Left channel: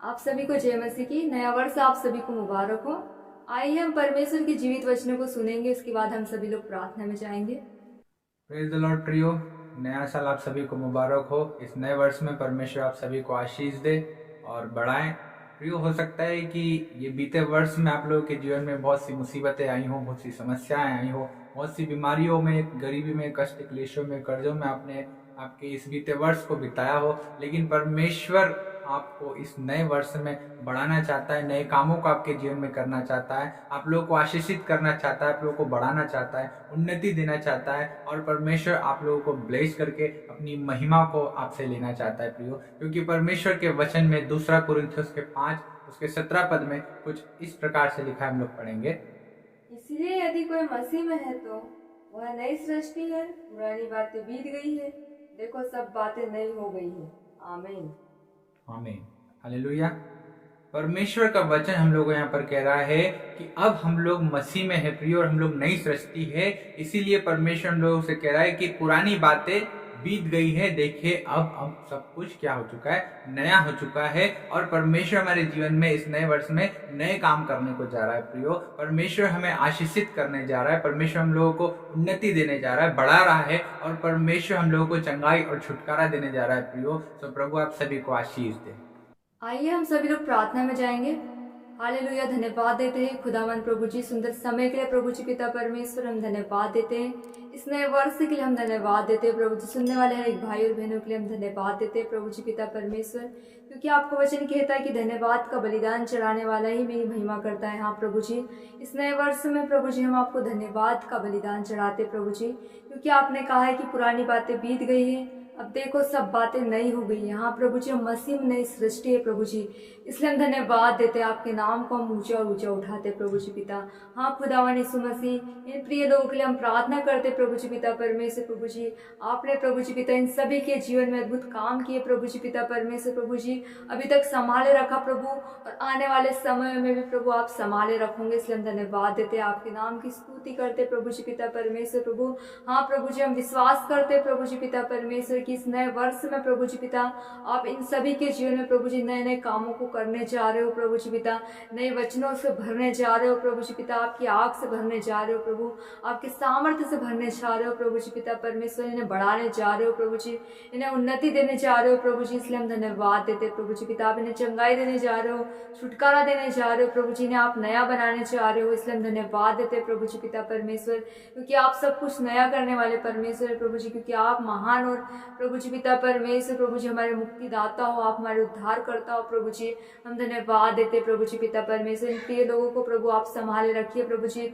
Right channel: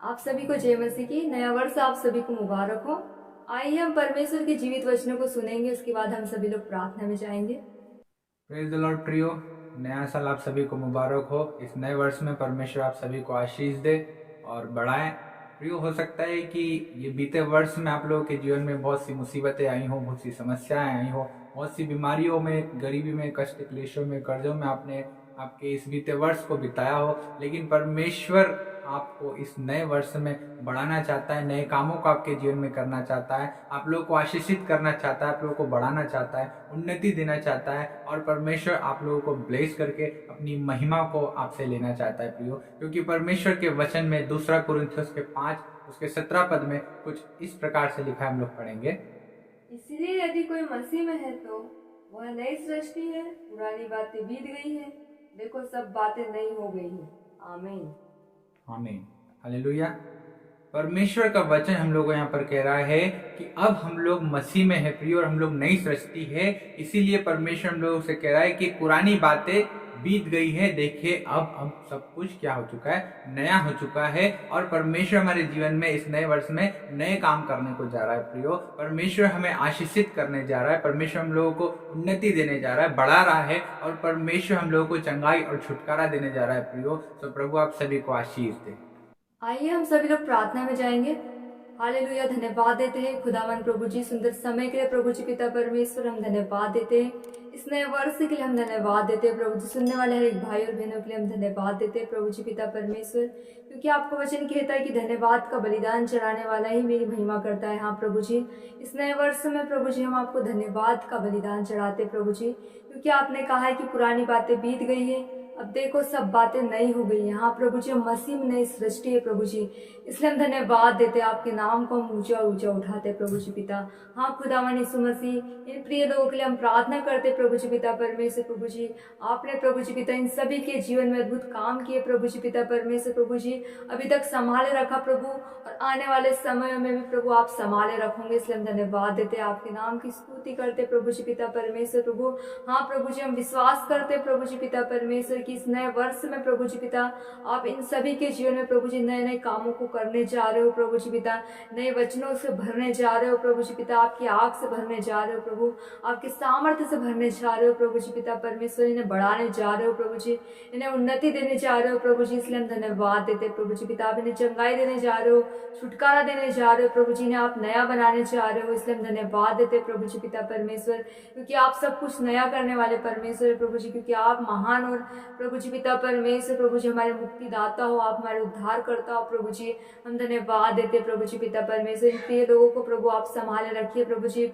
आप सभी को जय मसीह की। नया वर्ष आप सभी को मुबारक हो। आइए हम परमेश्वर के जीवित वचनों को सुनेंगे, उसके बाद हम सभी लोग प्रार्थना में जाएंगे। प्रेज द लॉर्ड प्रियो। नया साल आप सभी को मुबारक हो। इस नए वर्ष में परमेश्वर आप सभी को आशीष दे और बढ़ाएं। प्रियो, हो सकता है कि ये बीते वर्ष में आप लोगों के जीवन में बहुत सी मुसीबतें आई हो, बहुत सी समस्याएं आई हो, बहुत सी बीमारियों में, गरीबी में, कष्ट क्लेशों में, कर्जों में आपने आपके इस बीते वर्ष को बिताया हो। लेकिन परमेश्वर आपको इस नए वर्ष में बढ़ाना चाहता है, नए कामों को आपके जीवन में करना चाहता है, आप लोगों को आशीषित करना चाहता है, आप लोगों को बढ़ाना चाहता है, उन्नति देना चाहता है और परमेश्वर आप लोगों को ब्लेस करके अपनी महिमा को आपसे लेना चाहता है प्रियो। क्योंकि परमेश्वर के वचन में 2 कुरिन्थियों के 5 उसके 17 पद में कुछ इस प्रकार से लिखा है, हम लोग पढ़ेंगे। इसलिए यदि कोई मसीह में है तो वह नई सृष्टि है, पुरानी बातें बीत गई है, देखो सब बातें नई हो गई है। आमीन आमीन, हालेलुया। परमेश्वर का वचन हम लोगों को यहाँ पर कह रहा है कि अब हम लोग मसीह में है प्रिय और हम लोग नई सृष्टि है। इसीलिए परमेश्वर हम लोगों से कह रहा है कि पुरानी बातें बीत गई है, देखिए अब सब कुछ क्या हो चुका है, नया हो चुका है। और परमेश्वर हमारे जीवन में इस नए वर्ष में नए काम करने को जा रहा है प्रियो। परमेश्वर हमें आशीषित करने जा रहा है, परमेश्वर हम लोगों को उन्नति देने जा रहा है, बढ़ा रहा है और परमेश्वर हम लोगों को चंगाई और छुटकारा देने जा रहा है प्रियो। तो प्रभु आप सभी को आशीष दे। आइए हम सभी लोग प्रार्थना में जाएंगे। हालेलुया। धन्यवाद देते हैं खुदावन प्रभु जी, सुंदर समय के लिए प्रभु जी पिता परमेश्वर हम धन्यवाद देते हैं। इस नए वर्ष के लिए हम धन्यवाद देते हैं प्रभु जी। सुनने वाले हर एक भाई और बहनों के लिए हम धन्यवाद देते हैं प्रभु जी पिता परमेश्वर, क्योंकि आपका वचन कहता है कि धन्यवाद का बलिदान चढ़ाने वाला ही मेरी महिमा करता है। हाँ प्रभु जी, इस नए वर्ष में प्रभु जी हम आपको धन्यवाद का बलिदान चढ़ाते प्रभु जी, क्योंकि आपने कहा है कि पुरानी बातें बीत गई है, अब देखो सब बातें नई हो गई हैं। हाँ प्रभु जी, हम मसीह में नई सृष्टि है प्रभु जी, इसलिए हम धन्यवाद देते हैं, आपके नाम को हम ऊंचा ऊंचा उठाते प्रभु जी पिता। हाँ खुदावन यीशु मसीह, इन प्रिय लोगों के लिए हम प्रार्थना करते प्रभु जी पिता परमेश्वर। प्रभु जी आपने प्रभु जी पिता इन सभी के जीवन में अद्भुत काम किए प्रभु जी पिता परमेश्वर। प्रभु जी अभी तक संभाले रखा प्रभु, और आने वाले समय में भी प्रभु आप संभाले रखोगे, इसलिए हम धन्यवाद देते हैं, आपके नाम की स्तुति करते प्रभु जी पिता परमेश्वर। प्रभु हाँ प्रभु जी, हम विश्वास करते प्रभु जी पिता परमेश्वर कि इस नए वर्ष में प्रभु जी पिता आप इन सभी के जीवन में प्रभु जी नए नए कामों को करने जा रहे हो प्रभु जी पिता, नए वचनों से भरने जा रहे हो प्रभु जी पिता, आपकी आग से भरने जा रहे हो प्रभु, आपके सामर्थ्य से भरने जा रहे हो प्रभु जी पिता परमेश्वर, इन्हें बढ़ाने जा रहे हो प्रभु जी, इन्हें उन्नति देने जा रहे हो प्रभु जी, इसलिए हम धन्यवाद देते प्रभु जी पिता। आप इन्हें चंगाई देने जा रहे हो, छुटकारा देने जा रहे हो प्रभु जी, इन्हें आप नया बनाने जा रहे हो, इसलिए हम धन्यवाद देते प्रभु जी पिता परमेश्वर, क्योंकि आप सब कुछ नया करने वाले परमेश्वर है प्रभु जी, क्योंकि आप महान और प्रभु जी पिता परमेश्वर प्रभु जी हमारे मुक्तिदाता हो, आप हमारे उद्धार करता हो प्रभु जी। हम धन्यवाद देते प्रभु जी पिता परमेश्वर, इन प्रिय लोगों को प्रभु आप संभाले रखिए प्रभु जी।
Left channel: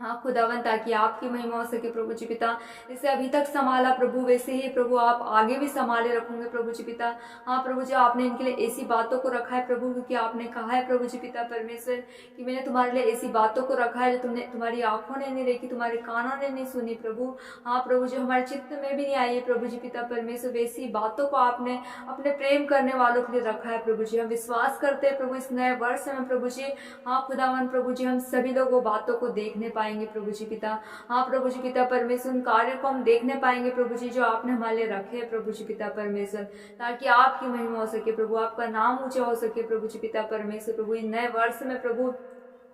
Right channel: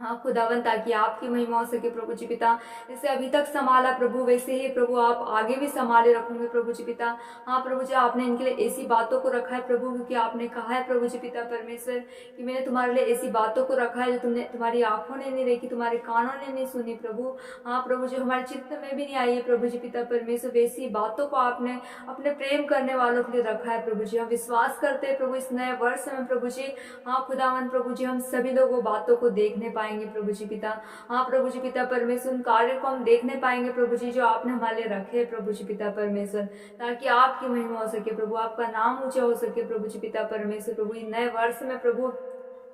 हाँ खुदावन, ताकि आपकी महिमा हो सके प्रभु जी पिता, जैसे अभी तक संभाला प्रभु वैसे ही प्रभु आप आगे भी संभाले रखोगे प्रभु जी पिता। हाँ प्रभु जी, आपने इनके लिए ऐसी बातों को रखा है प्रभु, क्योंकि आपने कहा है प्रभु जी पिता परमेश्वर कि मैंने तुम्हारे लिए ऐसी बातों को रखा है जो तुमने तुम्हारी आंखों ने नहीं देखी, तुम्हारे कानों ने नहीं सुनी प्रभु। हाँ प्रभु जी, हमारे चित्त में भी नहीं आई है प्रभु जी पिता परमेश्वर, वैसी बातों को आपने अपने प्रेम करने वालों के लिए रखा है प्रभु जी। हम विश्वास करते हैं प्रभु इस नए वर्ष में प्रभु जी, हाँ खुदावन प्रभु जी, हम सभी लोग वो बातों को देखने पाएंगे प्रभु जी पिता। हाँ प्रभु जी पिता परमेश्वर, उन कार्यों को हम देखने पाएंगे प्रभु जी जो आपने हमारे लिए रखे प्रभु जी पिता परमेश्वर, ताकि आपकी महिमा हो सके प्रभु, आपका नाम ऊंचा हो सके प्रभु जी पिता परमेश्वर। प्रभु इन नए वर्ष में प्रभु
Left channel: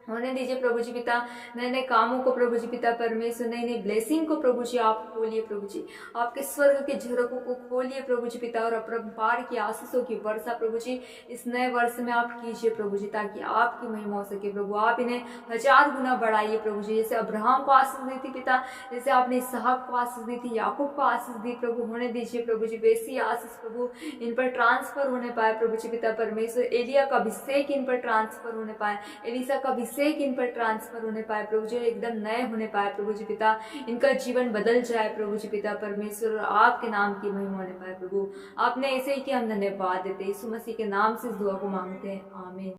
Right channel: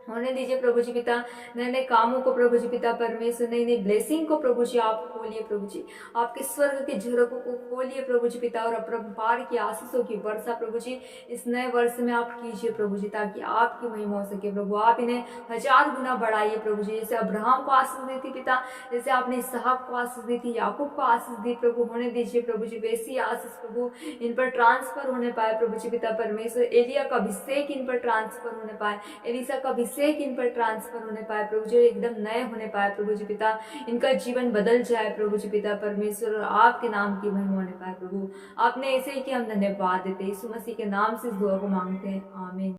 होने दीजिए प्रभु जी पिता, नए नए कामों को प्रभु जी पिता परमेश्वर, नई नई ब्लेसिंग को प्रभु जी आप खोलिए प्रभु जी, आपके स्वर्ग के झरोकों को खोलिए प्रभु जी पिता, और अपरंपार की आशीषों की वर्षा प्रभु जी इस नए वर्ष में आप कीजिए प्रभु जी, ताकि आपकी महिमा हो सके प्रभु। आप इन्हें 1000 गुना बढ़ाइए प्रभु जी, जैसे अब्राहम को आशीष दी थी पिता, जैसे आपने इसहाक को आशीष दी थी, याकूब को आशीष दी प्रभु, होने दीजिए प्रभु जी वैसी आशीष प्रभु इन पर ट्रांसफर होने पाए प्रभु जी पिता परमेश्वर। एलिया का अभिषेक इन पर ट्रांसफर होने पाए, एलिसा का अभिषेक इन पर ट्रांसफर होने पाए प्रभु जी, एकदम नए होने पाए प्रभु जी पिता, इनका जीवन बदल जाए प्रभु जी पिता परमेश्वर, और आपके नाम की महिमा होने पाए प्रभु। आपने ऐसे ही कि हम धन्यवाद देते, यीशु मसीह के नाम से इस दुआ को मांगते हैं, आमीन।